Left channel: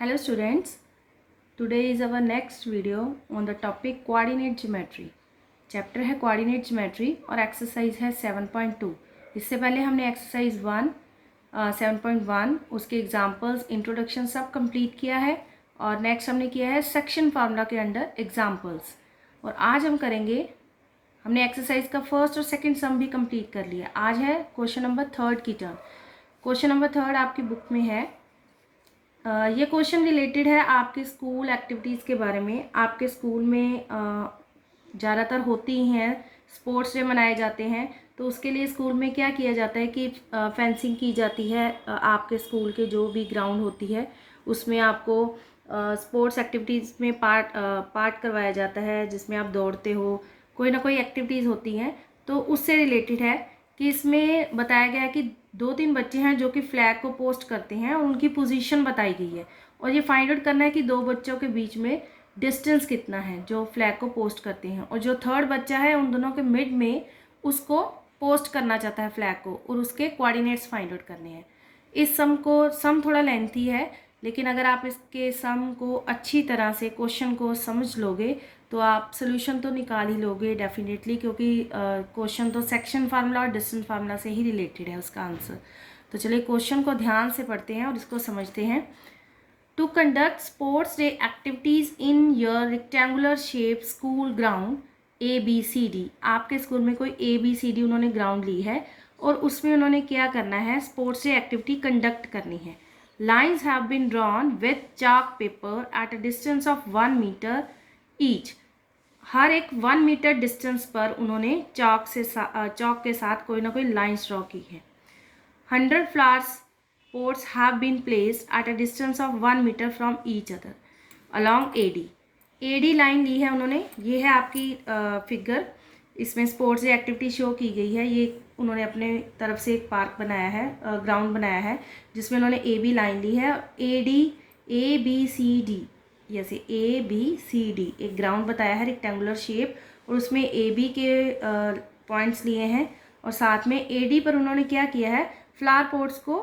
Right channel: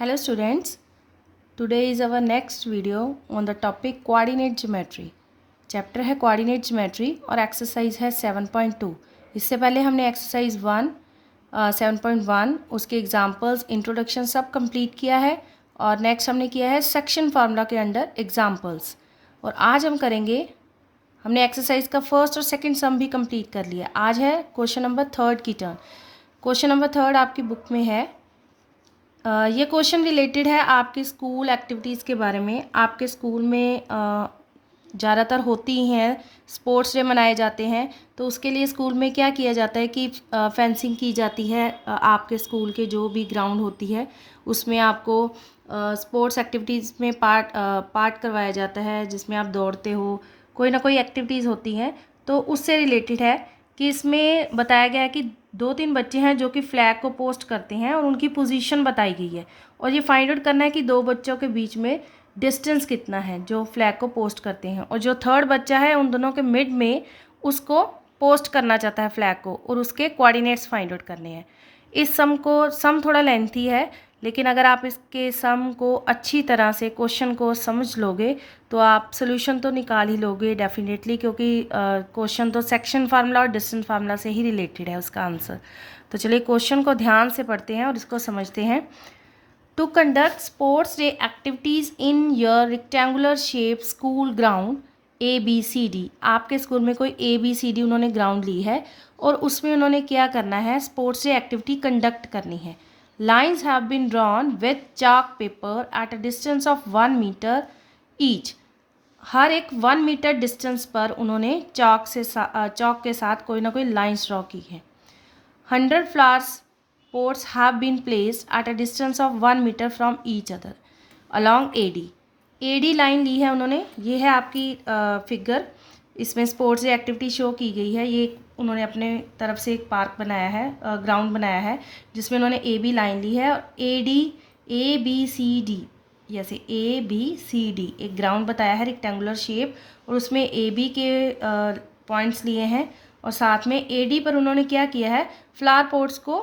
Hello students, today is our next video on the topic coordinate geometry. Chapter है coordinate geometry और exercise है 7.2. इससे पहले हमने एक्सरसाइज 7.1 उसके एग्जांपल्स इंट्रोडक्शन सब कंप्लीट किया है और नेक्स्ट हमने किया है सेक्शन फार्मूला के अंडर एग्जांपल्स. और आज हम करेंगे, हमने एक्सरसाइज का फर्स्ट और सेकंड सम भी कंप्लीट कर लिया. आज है क्वेश्चन नंबर 3 की टर्न. क्वेश्चन नंबर 3 आपकी बुक में है. ये क्वेश्चन रिलेटेड है आपके स्कूल एक्टिविटीज़ के बारे में. आपके स्कूल में ज़्यादातर होती हैं, स्पोर्ट्स डे मनाए जाते हैं, तो उसके लिए स्कूल में क्या किया जाता है कि फेंसिंग की जाती है. आपके स्कूल के जो भी ग्राउंड होती है उसमें आपको स्पोर्ट्स एक्टिविटीज़ में पार्ट करवाया जाता है, जिसमें आप दौड़ते हो, कोई ना कोई एक्टिविटीज़ होती हैं. तो उससे रिलेटेड है कि इसमें बताया गया है कि 2-3 बच्चे हैं जो कि फ्लैग को पोस्ट करते हैं और उनकी पोजीशन बताई गई है. और ये फाइंड आउट करना है कि 2 बच्चों के बीच में डिस्टेंस कितना है जो फ्लैग को पोस्ट करते हैं. और जो थर्ड बच्चा है उन दोनों के मिड में उसको पोस्ट करना चाहता है फ्लैग को, और उसके कोऑर्डिनेट्स फाइंड आउट करने हैं. इस सम थोड़ा लेंथी है, लेकिन अगर आप इसके सम को अच्छी तरह से क्वेश्चन को समझ लोगे तो आप सोल्यूशन तो निकाल ही लोगे डेफिनेटली, क्योंकि क्वेश्चन तो सेक्शन फार्मूला और डिस्टेंस फार्मूला से ही रिलेटेड है उसका आंसर. तो चलिए क्वेश्चन को ध्यान से पढ़ते हैं और इसको समझते हैं. To conduct sports day activities in your rectangular shape school ground ABCD. आपके स्कूल में कोई ABCD उन्होंने ग्राउंड ली है और उसमें उन्होंने क्या करना है, स्पोर्ट्स डे एक्टिविटी कंडक्ट करनी है. Lines have been drawn with chalk paper at a distance of 1 meter each. हर एक 1 मीटर डिस्टेंस पर उन्होंने चॉक के साथ कोई ना कोई लाइन्स ड्रॉ की है. 100 flowers pots have been placed at a distance of 1 meter from each other along AD line ली है उन्होंने. ये है आपकी फिगर. इसमें स्पोर्ट्स एक्टिविटी शो की गई है. ये उन्होंने अपने तरफ से एक पार्क बनाया है, ग्राउंड बनाया है, जिसमें उन्होंने AB लाइन ली है. ABCD, जैसे ABCD एक ग्राउंड बताया है रेक्टेंगुलर शेप, और उसमें AB के पॉइंट्स लिए हैं, और साथ में AD पर उन्होंने क्या किया है, फ्लावर पॉट्स को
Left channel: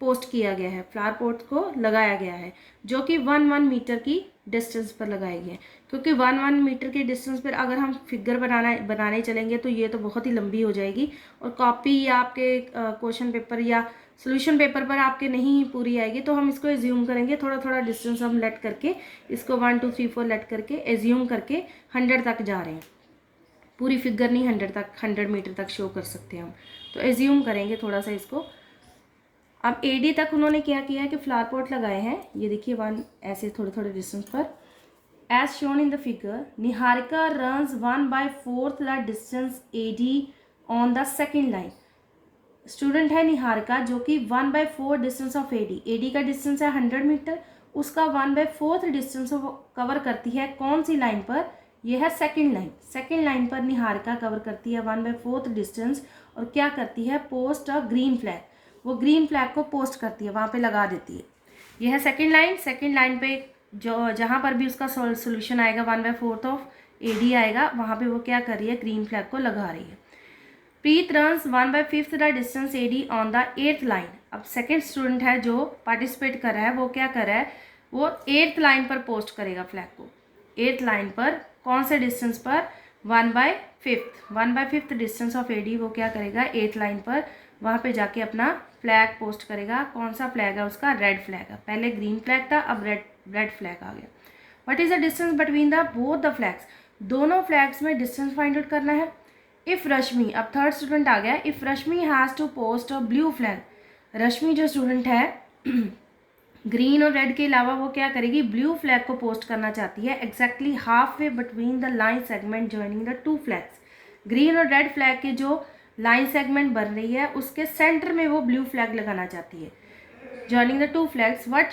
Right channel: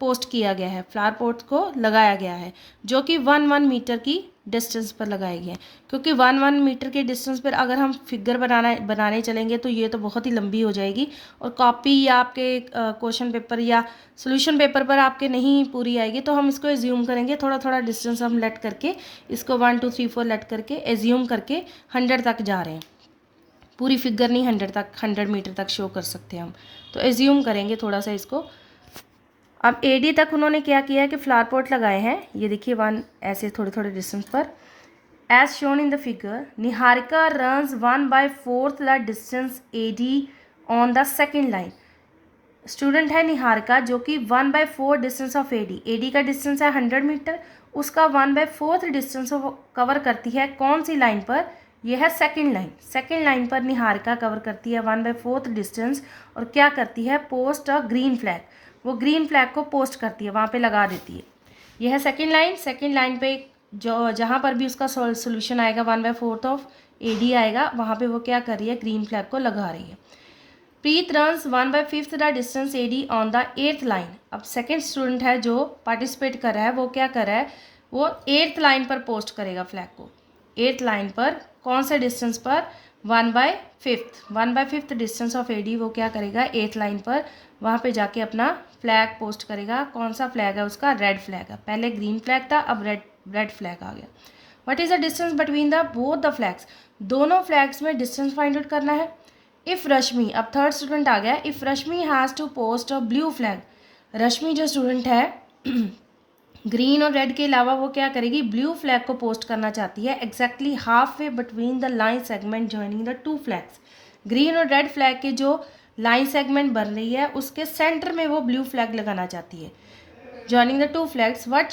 पोस्ट किया गया है, फ्लावर पॉट्स को लगाया गया है, जो कि 1 मीटर की डिस्टेंस पर लगाए गए हैं. क्योंकि 1 मीटर के डिस्टेंस पर अगर हम फिगर बनाने चलेंगे तो ये तो बहुत ही लंबी हो जाएगी, और कॉपी या आपके क्वेश्चन पेपर या सोल्यूशन पेपर पर आपके नहीं पूरी आएगी. तो हम इसको एज्यूम करेंगे, थोड़ा थोड़ा डिस्टेंस हम लेट करके इसको 1 2 3 4 लेट करके एज्यूम करके 100 तक जा रहे हैं. पूरी फिगर नहीं 100 मीटर तक शो कर सकते हम, तो एज्यूम करेंगे थोड़ा सा इसको. अब AD तक उन्होंने क्या किया है कि फ्लावर पॉट लगाए हैं. ये देखिए 1 ऐसे थोड़े थोड़े डिस्टेंस पर. As shown in the figure, Niharika runs 1/4 the distance AD on the second line. Student है निहारिका जो कि 1/4 डिस्टेंस ऑफ AD का डिस्टेंस है 100 मीटर, उसका 1/4 डिस्टेंस कवर करती है कौन सी लाइन पर, यह है सेकेंड लाइन. सेकेंड लाइन पर निहारिका कवर करती है 1/4 डिस्टेंस, और क्या करती है, पोस्ट अ ग्रीन फ्लैग. वो ग्रीन फ्लैग को पोस्ट करती है, वहाँ पे लगा देती है. यह है सेकेंड लाइन. सेकेंड लाइन पे जो जहाँ पर भी उसका सोल्यूशन आएगा 1/4 ऑफ AD आएगा, वहाँ पे वो क्या कर रही है, ग्रीन फ्लैग को लगा रही है. Preet runs 1/5 the distance AD on the 8th line. अब सेकेंड स्टूडेंट है जो पार्टिसिपेट कर रहा है, वो क्या कर रहा है, वो 8th लाइन पर पोस्ट करेगा फ्लैग को. 8th लाइन पर कौन से डिस्टेंस पर, 1/5 डिस्टेंस ऑफ AD वो क्या करेगा, 8th लाइन पर वहाँ पे जाके अपना फ्लैग पोस्ट करेगा. कौन सा फ्लैग है उसका, रेड फ्लैग है. पहले ग्रीन फ्लैग था, अब रेड फ्लैग आ गया. What is the distance between the both the flags. दोनों फ्लैग्स में डिस्टेंस फाइंड आउट करना है. इफ़ रश्मि, अब थर्ड स्टूडेंट आ गया. If Rashmi has to post a blue flag. Rashmi जो स्टूडेंट है ग्रीन और रेड के अलावा वो क्या करेगी, ब्लू फ्लैग को पोस्ट करना चाहती है exactly half way between the line segment joining the 2 flags. Green और रेड फ्लैग के जो लाइन सेगमेंट बन रही है उसके सेंटर में वो ब्लू फ्लैग लगाना चाहती है. Joining the 2 flags, where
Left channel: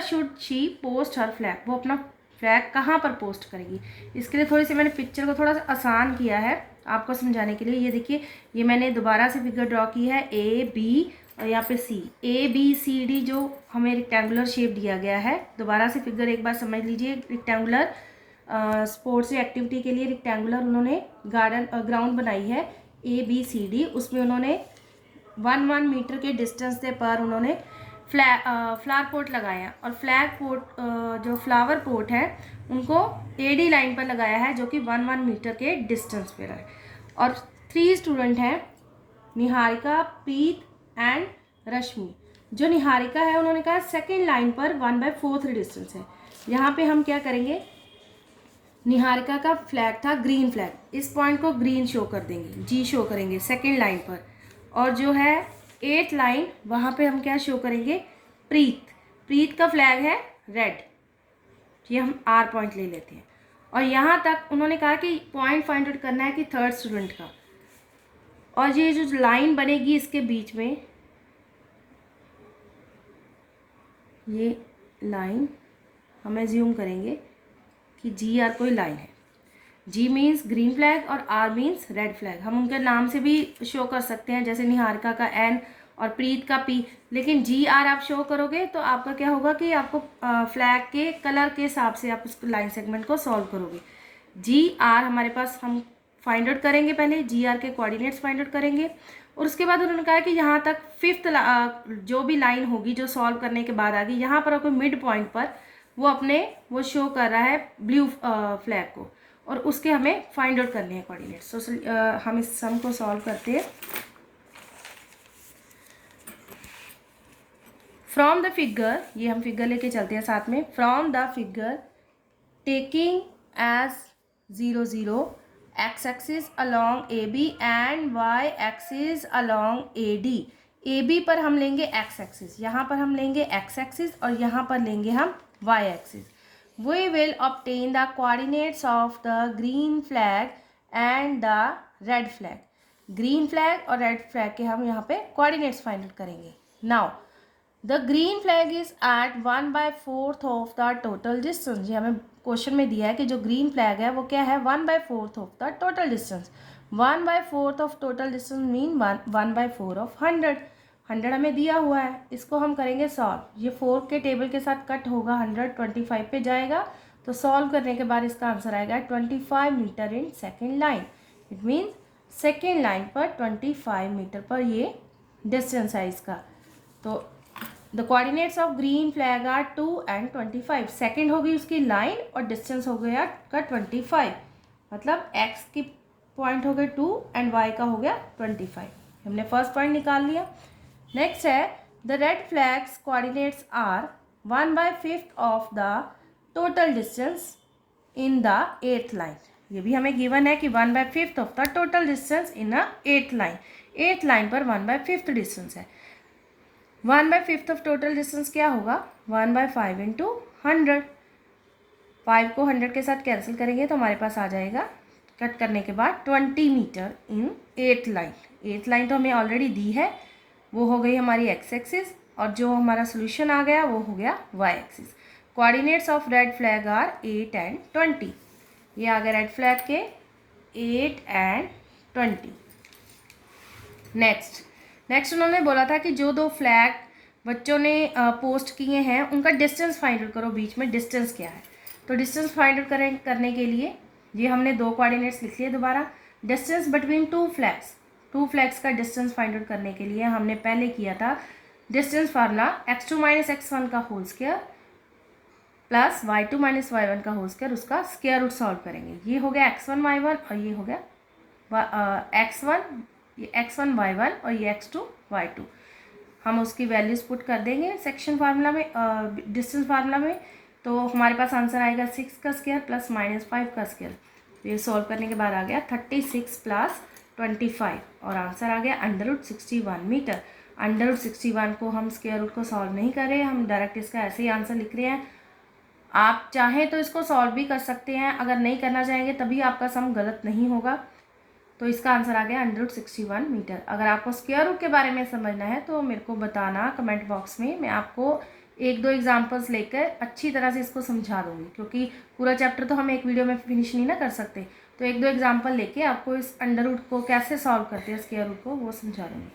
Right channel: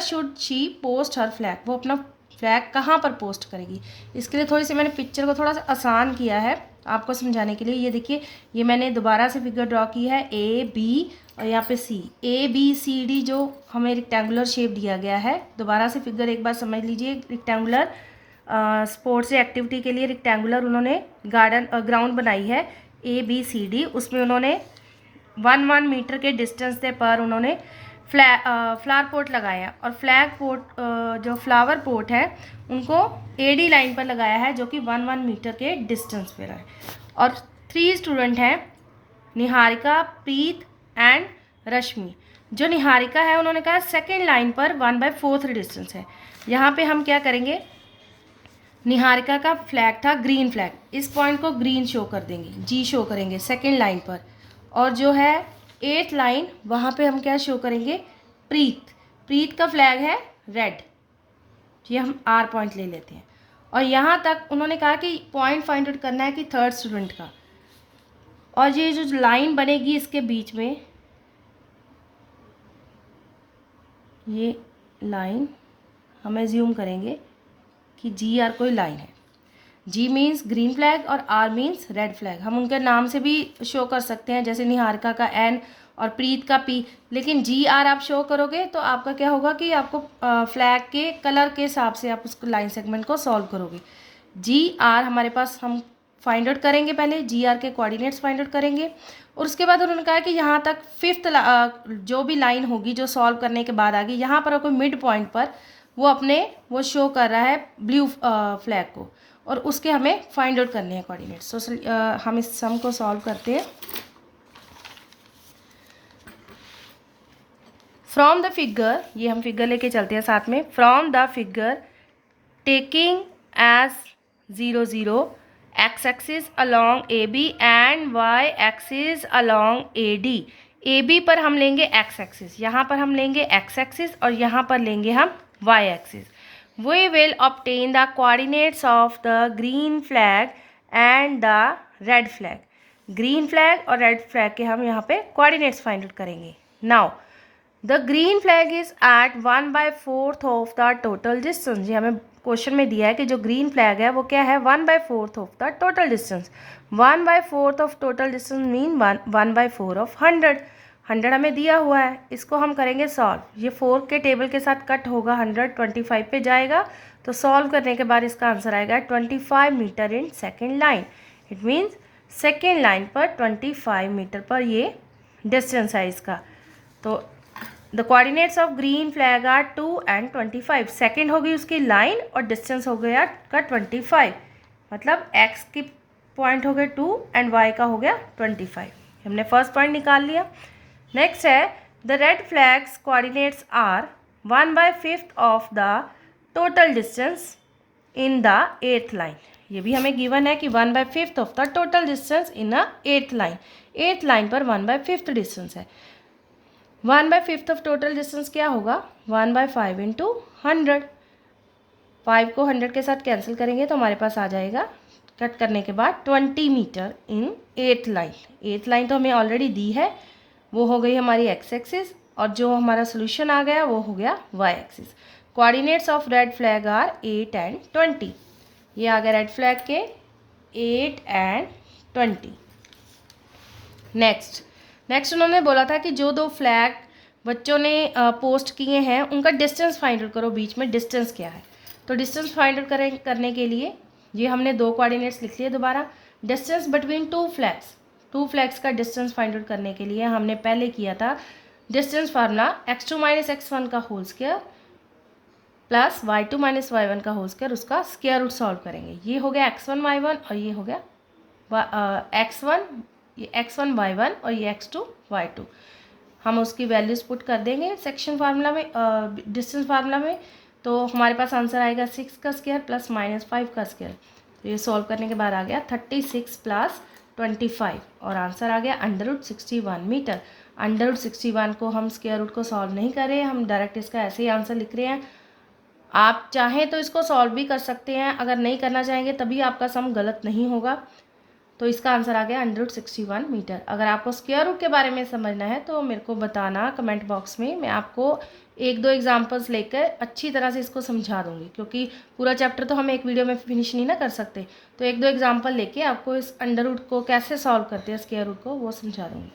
should she post her flag. वो अपना फ्लैग कहाँ पर पोस्ट करेगी. इसके लिए थोड़ी सी मैंने पिक्चर को थोड़ा सा आसान किया है आपको समझाने के लिए. ये देखिए, ये मैंने दोबारा से फिगर ड्रॉ की है, A B और यहाँ पे C. ABCD जो हमें रेक्टेंगुलर शेप दिया गया है. दोबारा से फिगर एक बार समझ लीजिए. रेक्टेंगुलर स्पोर्ट्स एक्टिविटी के लिए रेक्टेंगुलर उन्होंने ग्राउंड बनाई है ABCD. उसमें उन्होंने 1 मीटर के डिस्टेंस पर उन्होंने फ्लावर पॉट लगाया और फ्लैग पॉट जो फ्लावर पॉट है उनको एडी लाइन पर लगाया है जो कि 1 मीटर के डिस्टेंस पे है। और 3 स्टूडेंट हैं, निहारिका, प्रीत एंड रश्मि। जो निहारिका है उन्होंने कहा सेकेंड लाइन पर 1/4 डिस्टेंस है। यहाँ पे हम क्या करेंगे, निहारिका का फ्लैग था ग्रीन फ्लैग, इस पॉइंट को ग्रीन शो कर देंगे, जी शो करेंगे सेकेंड लाइन पर। और जो है 8th लाइन वहाँ पे हम क्या शो करेंगे, प्रीत का फ्लैग है रेड, ये हम आर पॉइंट ले लेते हैं। और यहाँ तक उन्होंने कहा कि पॉइंट फाइंड आउट करना है कि थर्ड स्टूडेंट का। और ये जो लाइन बनेगी इसके बीच में, ये लाइन हम एज्यूम करेंगे कि जी आर कोई लाइन है। जी मीन्स ग्रीन फ्लैग और आर मीन्स रेड फ्लैग। हम उनके नाम से भी शो कर सकते हैं, जैसे निहारिका का एन और प्रीत का पी। लेकिन जी आर आप शो करोगे तो आपका क्या होगा कि आपको फ्लैग के कलर के हिसाब से आप उस लाइन सेगमेंट को सॉल्व करोगे। जी आर हमारे पास हम फाइंड आउट करेंगे, पहले जी आर के कोऑर्डिनेट्स फाइंड आउट करेंगे। और उसके बाद उन्होंने कहा कि यहाँ तक 5th जो भी लाइन होगी जो सॉल्व करने के बाद आ गई, यहाँ पर कोई मिड पॉइंट पर वो शो कर रहा है ब्लू फ्लैग को, और उसके हमें फाइंड आउट करने हैं कोऑर्डिनेट्स। तो हम इस सम को सॉल्व करते हैं। फ्रॉम द फिगर, ये हम फिगर लेके चलते हैं साथ में। From the figure taking as 0 0 X axis along A B and Y axis along A D. A B पर हम लेंगे एक्स एक्सिस, यहाँ पर हम लेंगे एक्स एक्सिस और यहाँ पर लेंगे हम Y axis. We will obtain the coordinates of the green flag and the red flag. Green flag और रेड फ्लैग के हम यहाँ पे कोऑर्डिनेट्स फाइंड आउट करेंगे। Now the green flag is at 1/4 of the total distance. ये हमें question में दिया है कि जो ग्रीन फ्लैग है वो क्या है, 1/4 of the total distance. 1/4 of total distance mean 1/4 of 100। 100 हमें दिया हुआ है, इसको हम करेंगे सॉल्व। ये 4 के टेबल के साथ कट होगा, 100 25 पे जाएगा, तो सॉल्व करने के बाद इसका आंसर आएगा 25 metre in second line. It means second line पर 25 मीटर पर ये डिस्टेंस है इसका। तो the coordinates of green flag are 2 and 25। Second हो गई उसकी लाइन और डिस्टेंस हो गया का 25, मतलब एक्स की पॉइंट हो गए 2 एंड वाई का हो गया 25। हमने फर्स्ट पॉइंट निकाल लिया। नेक्स्ट है the red flags coordinates are 1/5 of the total distance in the 8th line. ये भी हमें गिवन है कि 1/5 of the total distance in a 8th line. 8th line पर 1/5 डिस्टेंस है। 1/5 ऑफ टोटल डिस्टेंस क्या होगा, 1/5 इंटू 100। 5 को 100 के साथ कैंसिल करेंगे तो हमारे पास आ जाएगा कट करने के बाद 20 मीटर इन 8th लाइन। 8th लाइन तो हमें ऑलरेडी दी है, वो हो गई हमारी एक्स एक्सिस, और जो हमारा सोल्यूशन आ गया वो हो गया Y axis. Coordinates of red flag are 8 and 20। ये आ गया रेड फ्लैग के 8 and 20। नेक्स्ट उन्होंने बोला था कि जो 2 फ्लैग बच्चों ने पोस्ट किए हैं उनका डिस्टेंस फाइंड आउट करो, बीच में डिस्टेंस क्या है। तो डिस्टेंस फाइंड आउट करने के लिए ये हमने 2 कोऑर्डिनेट्स लिख लिए दोबारा। डिस्टेंस बिटवीन 2 फ्लैग्स का डिस्टेंस फाइंड आउट करने के लिए हमने पहले किया था डिस्टेंस फार्मूला x2 - x1 का whole square plus y2 - y1 का होल स्क्वायर, उसका स्क्वायर रूट सॉल्व करेंगे। ये हो गया x1 y1 और ये हो गया x1 y1 और ये x2 y2। हम उसकी वैल्यूज पुट कर देंगे सेक्शन फार्मूला में, डिस्टेंस फार्मूला में, तो हमारे पास आंसर आएगा 6 का स्क्वायर प्लस -5 का स्क्वायर। तो ये सॉल्व करने के बाद आ गया 36 प्लस 25 और आंसर आ गया √61 मीटर। √61 को हम स्क्वायर रूट को सॉल्व नहीं कर रहे हैं, हम डायरेक्ट इसका ऐसे ही आंसर लिख रहे हैं। आप चाहें तो इसको सॉल्व भी कर सकते हैं, अगर नहीं करना चाहेंगे तभी आपका सम गलत नहीं होगा। तो इसका आंसर आ गया √61 मीटर। अगर आपको स्क्वायर रूट के बारे में समझना है तो मेरे को बताना कमेंट बॉक्स में, मैं आपको 1-2 एग्जांपल्स लेकर अच्छी तरह से इसको समझा दूंगी, क्योंकि पूरा चैप्टर तो हम एक वीडियो में फिनिश नहीं ना कर सकते। तो 1-2 एग्जांपल लेके आपको इस अंडर रूट को कैसे सॉल्व करते हैं स्क्वायर रूट को, वो समझा दूंगी।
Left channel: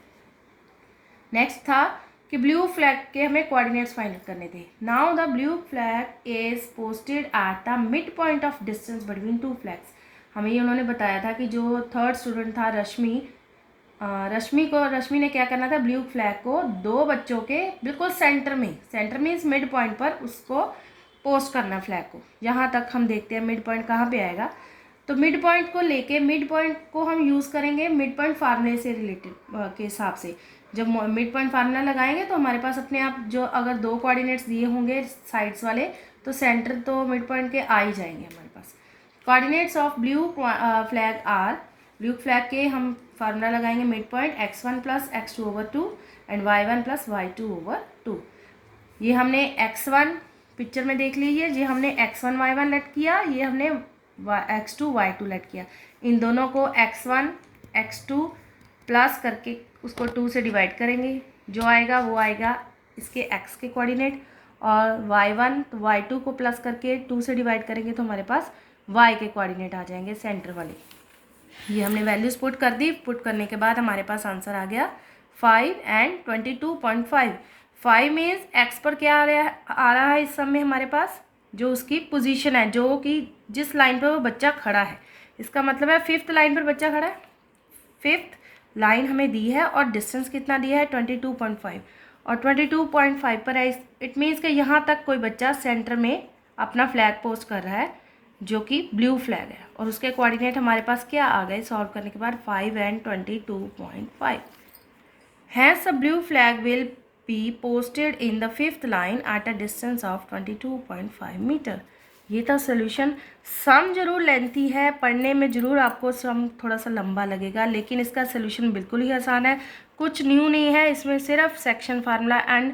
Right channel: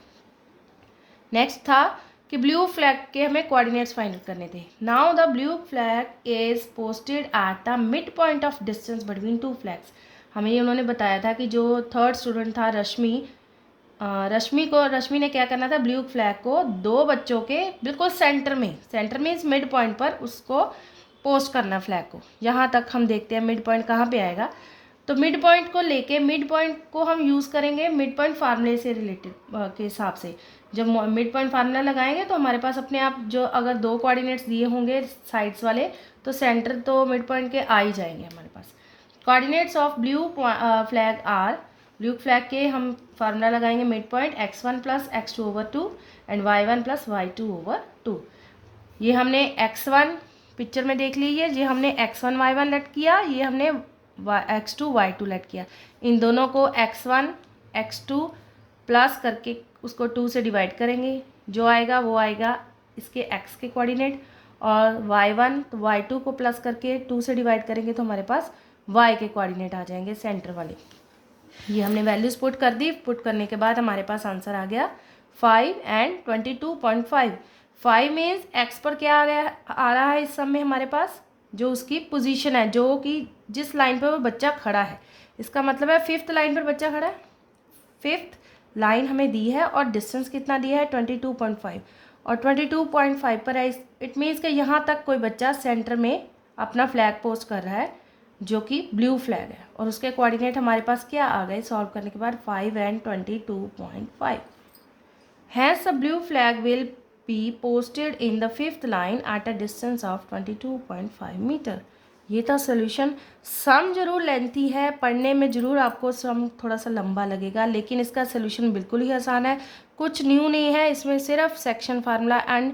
नेक्स्ट था कि ब्लू फ्लैग के हमें कोऑर्डिनेट्स फाइंड आउट करने थे। Now the blue flag is posted at the mid point of distance between 2 flags. हमें ये उन्होंने बताया था कि जो थर्ड स्टूडेंट था रश्मि, रश्मि ने क्या करना था, ब्लू फ्लैग को दो बच्चों के बिल्कुल सेंटर मीन्स मिड पॉइंट पर उसको पोस्ट करना फ्लैग को। यहाँ तक हम देखते हैं मिड पॉइंट कहाँ पे आएगा। तो मिड पॉइंट को लेके मिड पॉइंट को हम यूज़ करेंगे मिड पॉइंट फार्मूले से रिलेटेड के हिसाब से। जब मिड पॉइंट फार्मूला लगाएंगे तो हमारे पास अपने आप जो अगर दो कोऑर्डिनेट्स दिए होंगे साइड्स वाले तो सेंटर तो मिड पॉइंट के आ ही जाएंगे हमारे पास। Coordinates of blue flag are, blue flag के हम फार्मूला लगाएंगे mid point x1 plus x2/2 and y1 plus y2/2। ये हमने x1 पिक्चर में देख लीजिए, ये हमने x1 y1 लेट किया, ये हमने x2 y2 लेट किया। इन दोनों को x1 x2 प्लस करके उसको 2 से डिवाइड करेंगे, जो आएगा वो आएगा इसके x के कोऑर्डिनेट, और y1 तो y2 को प्लस करके 2 से डिवाइड करेंगे तो हमारे पास y के कोऑर्डिनेट आ जाएंगे सेंटर वाले। ये हमने वैल्यूज पुट कर दी। पुट करने के बाद हमारे पास आंसर आ गया 5 एंड 22.5। 5 मीन्स x पर क्या आ रहा है इस सब में हमारे पास, जो उसकी पोजीशन है, जो कि जिस लाइन पर वो बच्चा खड़ा है। इसका मतलब है 5th लाइन पर बच्चा खड़ा है, 5th लाइन हमें दी है और डिस्टेंस कितना दिया है 22.5, और 22.5 पर है। इट मीन्स कि यहाँ तक कोई बच्चा सेंटर में अपना फ्लैग पोस्ट कर रहा है जो कि ब्लू फ्लैग है, और उसके कोऑर्डिनेट हमारे पास क्या आ गए सॉल्व करने के बाद 5 and 22.5। Hence a blue flag will be posted in the 5th line at a distance of 22.5 metre. ये था सोल्यूशन। सम जरूर लेंथी है, पढ़ने में ज़रूर आपको सम थोड़ा सा लंबा लगेगा, लेकिन इसका सोल्यूशन बिल्कुल ही आसान है, कुछ न्यू नहीं है इसमें। सिर्फ सेक्शन फार्मूला एंड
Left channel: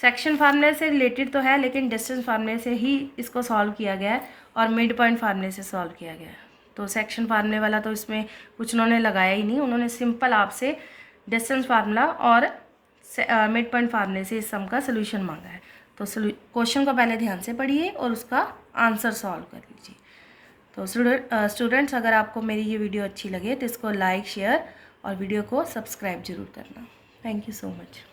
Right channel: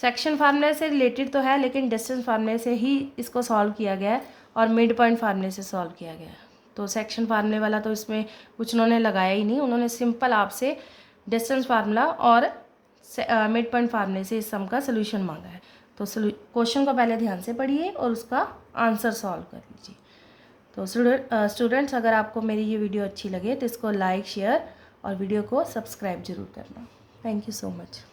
सेक्शन फार्मूले से रिलेटेड तो है, लेकिन डिस्टेंस फार्मूले से ही इसको सॉल्व किया गया है और मिड पॉइंट फार्मूले से सॉल्व किया गया है। तो सेक्शन फार्मूले वाला तो इसमें कुछ उन्होंने लगाया ही नहीं, उन्होंने सिंपल आपसे डिस्टेंस फार्मूला और मिड पॉइंट फार्मूले से इस सम का सोल्यूशन मांगा है। तो क्वेश्चन को पहले ध्यान से पढ़िए और उसका आंसर सॉल्व कर लीजिए। तो स्टूडेंट्स, अगर आपको मेरी ये वीडियो अच्छी लगे तो इसको लाइक शेयर और वीडियो को सब्सक्राइब जरूर करना। Thank you so much.